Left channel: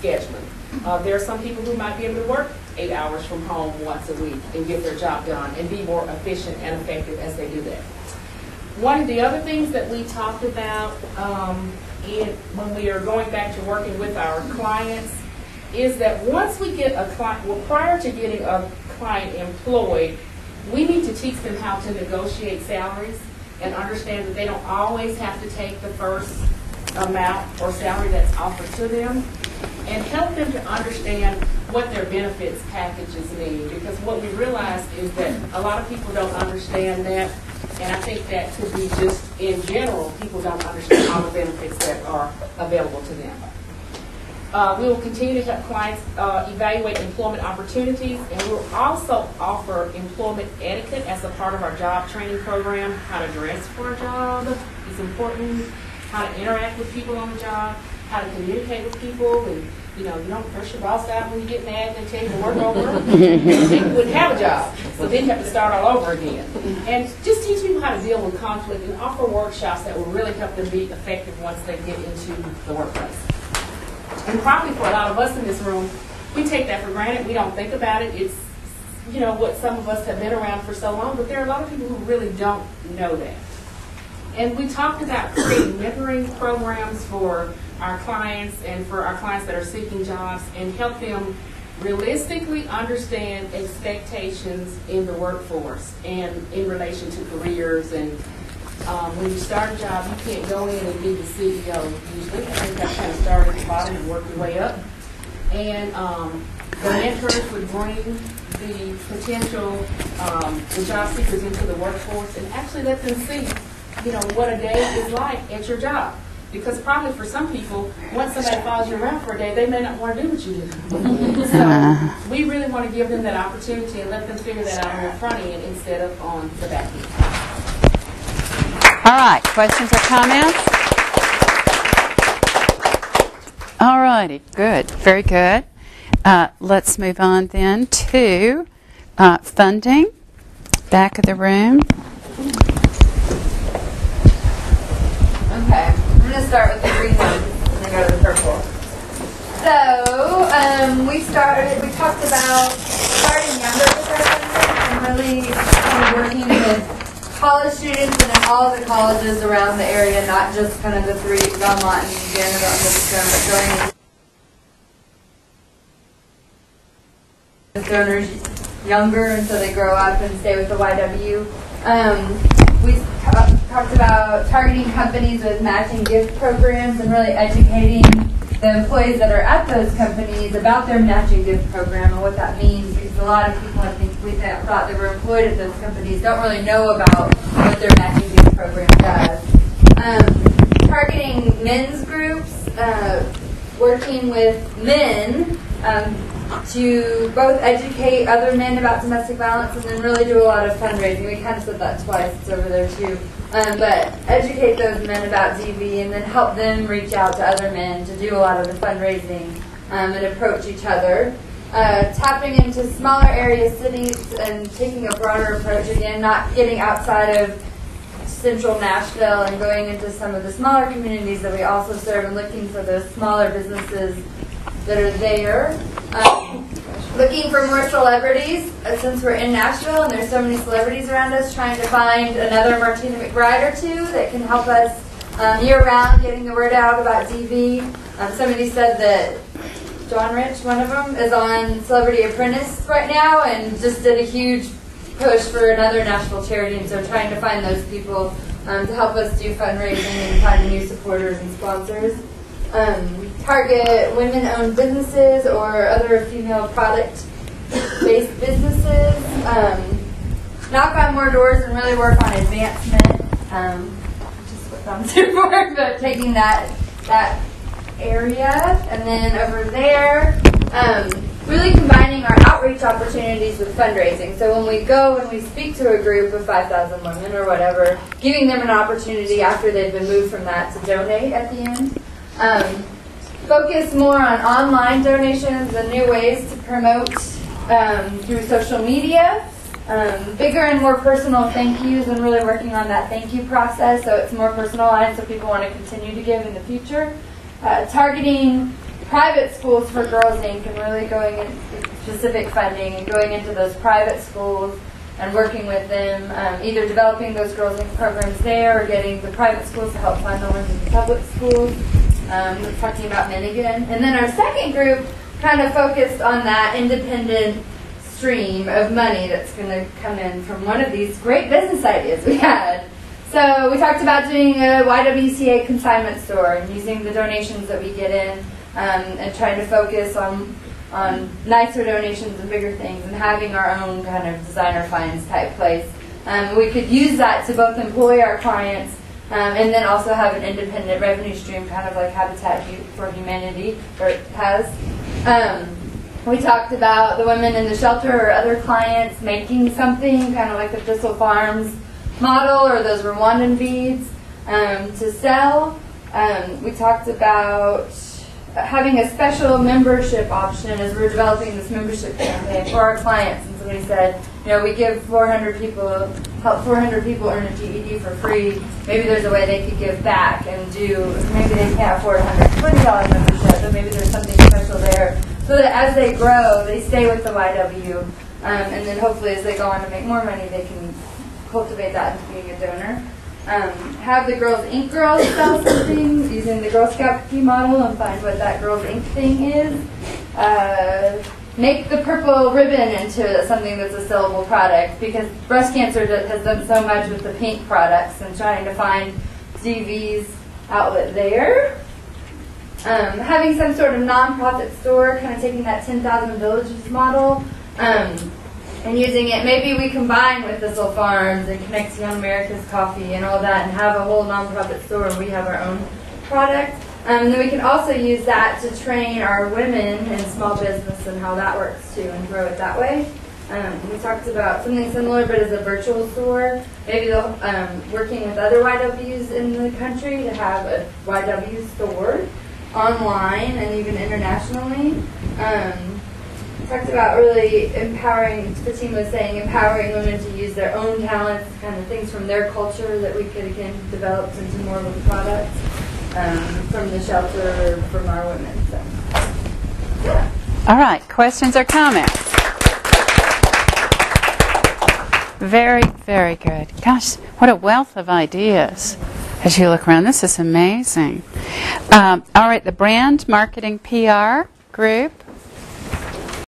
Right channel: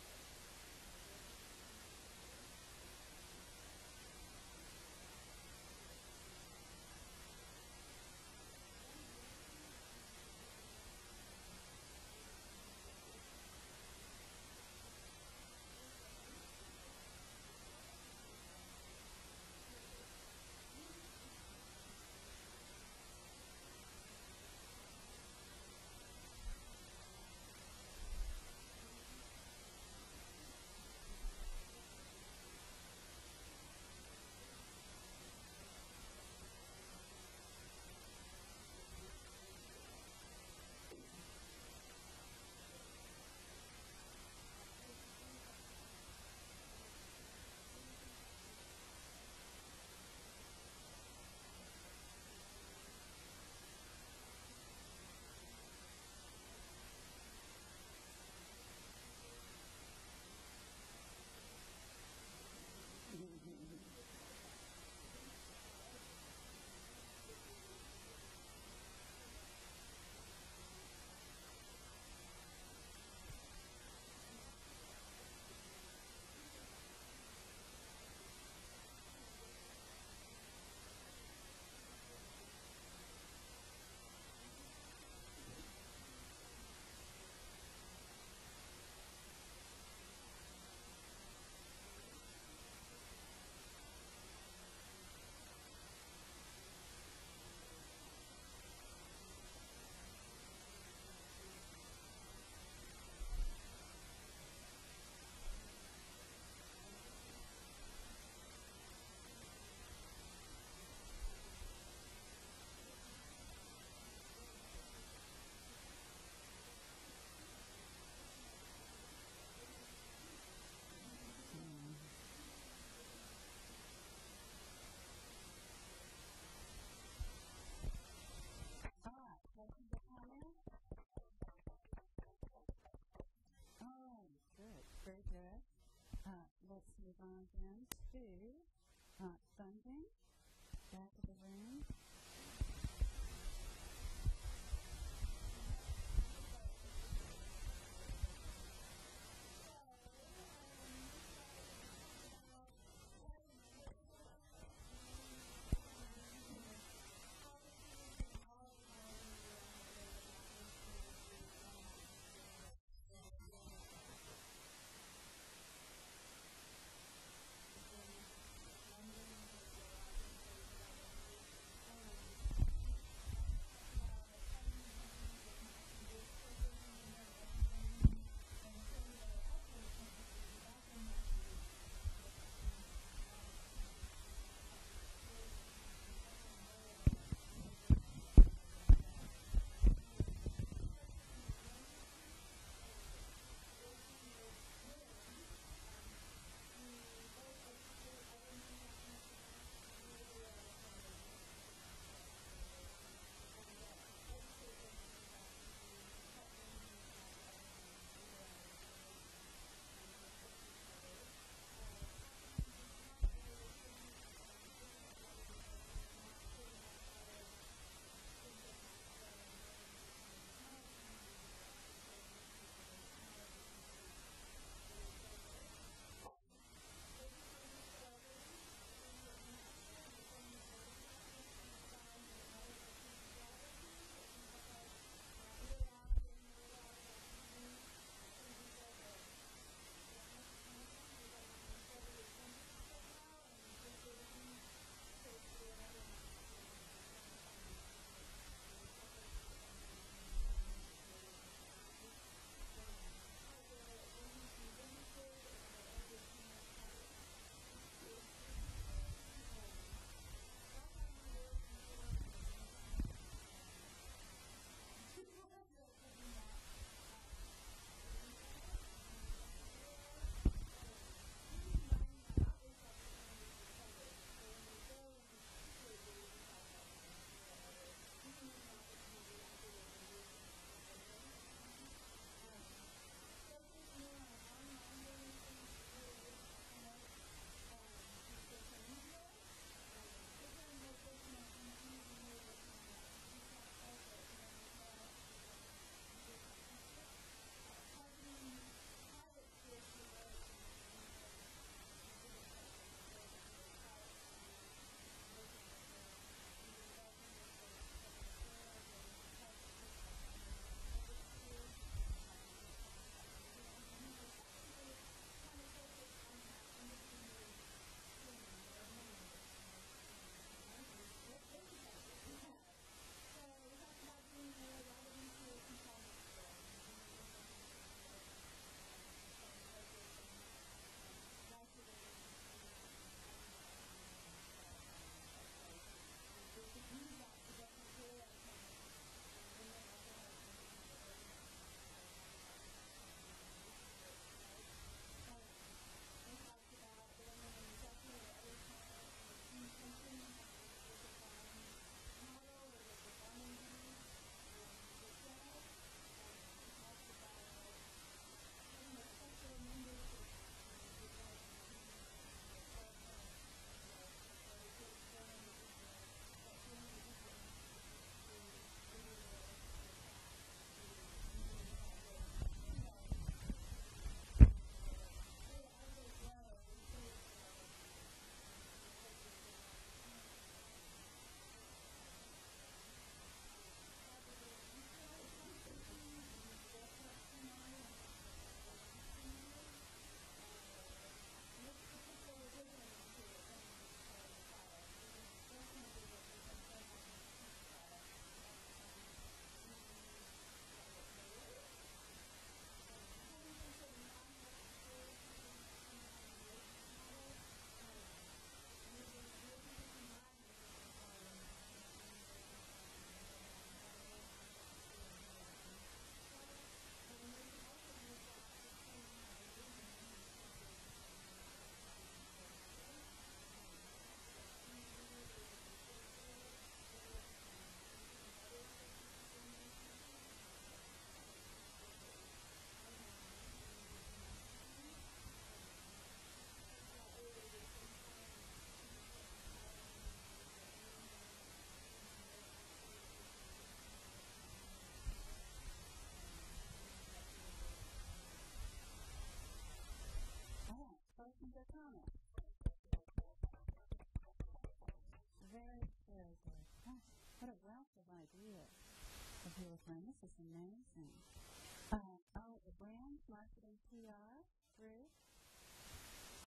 scheduling. There are some people who might be able to work 8 hours from home once a week and get their job done and be more efficient and effective as they do that. One of the other things that we talked about when we are going back to working with our clients is that once we get a client, well, prior to getting a client employed, we need to teach them how to negotiate salaries and understand that they don't always have to take the first amount or salary that's offered to them, and help them to understand what their benefits packages mean. Because what we realized is that a lot of people don't understand that, and I think that could be just in general, people don't understand all the benefits that are available to them. We will continue to help clients evaluate employment opportunities, and we will also offer employment etiquette as a part of our job training program. How to dress for a job is important, how to interact with people on the job, how to communicate with people, and you don't push your boss out when you get mad and tell you to work over. People wouldn't have a job, so then you have to start all over again. And just teach people how to deal with conflict and offer workshops that will really help them be effective once they get into the workplace. And probably for a lot of us in this room, we take that for granted. We don't think about it. It's, what some of us have been around for so long, but there are a lot of people who really don't know that. And we talked about creating mentoring programs for our clients and for our clients that are seeking jobs, and help them realistically understand expectations in the workforce and in relation to careers. And when you start a job, you can't go in and be the CEO usually. I think that kind of start at the bottom and work your way up. And the mentors would bring the potential the job seekers into the workforce and actually let them see, what a day is like at your job. Because probably for some people, once somebody follows you around for a day, they may not want to do what you do. So we really want to give them that opportunity and let them figure that out on the front end instead of on the back end. All right, questions or comments? All righty, good, very good. Let's move on then to funding, back of the room. Okay, I'm going to start with the green one and then go to the purple. So, we talked about starting younger with our funding and really kind of working with college students and in all the colleges around the area, not just kind of the three, Belmont and Vanderbilt and Livingstone, but going donors younger until they grow up and stay with the YW. We talked about targeting companies with matching gift programs and really educating the employees that are at those companies about their matching gift program and what that means, because a lot of people, I think, we thought they were employed at those companies don't really know about what their matching gift program does. Targeting men's groups, working with men to both educate other men about domestic violence and then really do a lot of fundraising. We kind of said that twice. It's over there too. But educate those men about DV and then help them reach out to other men to do a lot of the fundraising and approach each other. Tapping into smaller area cities and taking a broader approach, again, not getting outside of central Nashville and going into some of the smaller communities that we also serve and looking for those smaller businesses that are there. Looking for more celebrities, since we're in Nashville and there's so many celebrities around us, trying to find another Martina McBride or two that can help us year-round getting the word out about DV. Somebody said that John Rich, one of them, is on Celebrity Apprentice right now and just did a huge push for another Nashville charity, and so trying to find those people to help us do fundraising and find new supporters and sponsors. Target women-owned businesses or other female product-based businesses. Knock on more doors and really work on advancement, which is what I'm here for, but taking that area. And then over there, really combining our outreach opportunities with fundraising. So when we go and we speak to a group of 5,000 women or whatever, giving them an opportunity after they've been moved from that to donate at the end. Focus more on online donations and new ways to promote through social media. Bigger and more personal thank yous and really working on that thank you process so it's more personalized so people want to continue to give in the future. Targeting private schools for Girls Inc. and really going into specific funding and going into those private schools and working with them, either developing those Girls Inc. programs there or getting the private schools to help fund the ones in the public schools. We're talking about men again. And then our second group kind of focused on that independent stream of money that's going to come in from one of these great business ideas we had. So we talked about doing a YWCA consignment store and using the donations that we get in and trying to focus on nicer donations and bigger things and having our own kind of designer finds type place. We could use that to both employ our clients and then also have an independent revenue stream, kind of like Habitat for Humanity has. We talked about the women in the shelter or other clients making something, kind of like the Thistle Farms model or those Rwandan beads to sell. We talked about having a special membership option as we're developing this membership campaign for our clients. And somebody said, you know, we give 400 people, help 400 people earn a GED for free. Maybe there's a way they could give back and do, maybe they can't afford a $120 membership, but maybe there's something special there. So that as they grow, they stay with the YW. And then hopefully as they go on to make more money, they can cultivate that into being a donor. Have the Girls Inc. girls sell something using the Girl Scout cookie model and find what that Girls Inc. thing is. Make the purple ribbon into something that's a sellable product, because breast cancer has done so much with the pink products and trying to find DV's outlet there. Having some sort of nonprofit store, kind of taking that 10,000 Villages model and using it. Maybe we combine with Thistle Farms and Connexion America's Coffee and all that and have a whole nonprofit store and we have our own product. And then we can also use that to train our women in small business and how that works too and grow it that way. We talked about something similar but as a virtual store. Maybe working with other YWs in the country to have a YW store online and even internationally. Talked about really empowering, Fatima was saying, empowering women to use their own talents, kind of things from their culture that we could again develop into more of the products from the shelter, from our women. So, yeah. All right, questions or comments? Very, very good. Gosh, what a wealth of ideas as you look around. This is amazing. All right, the brand marketing PR group.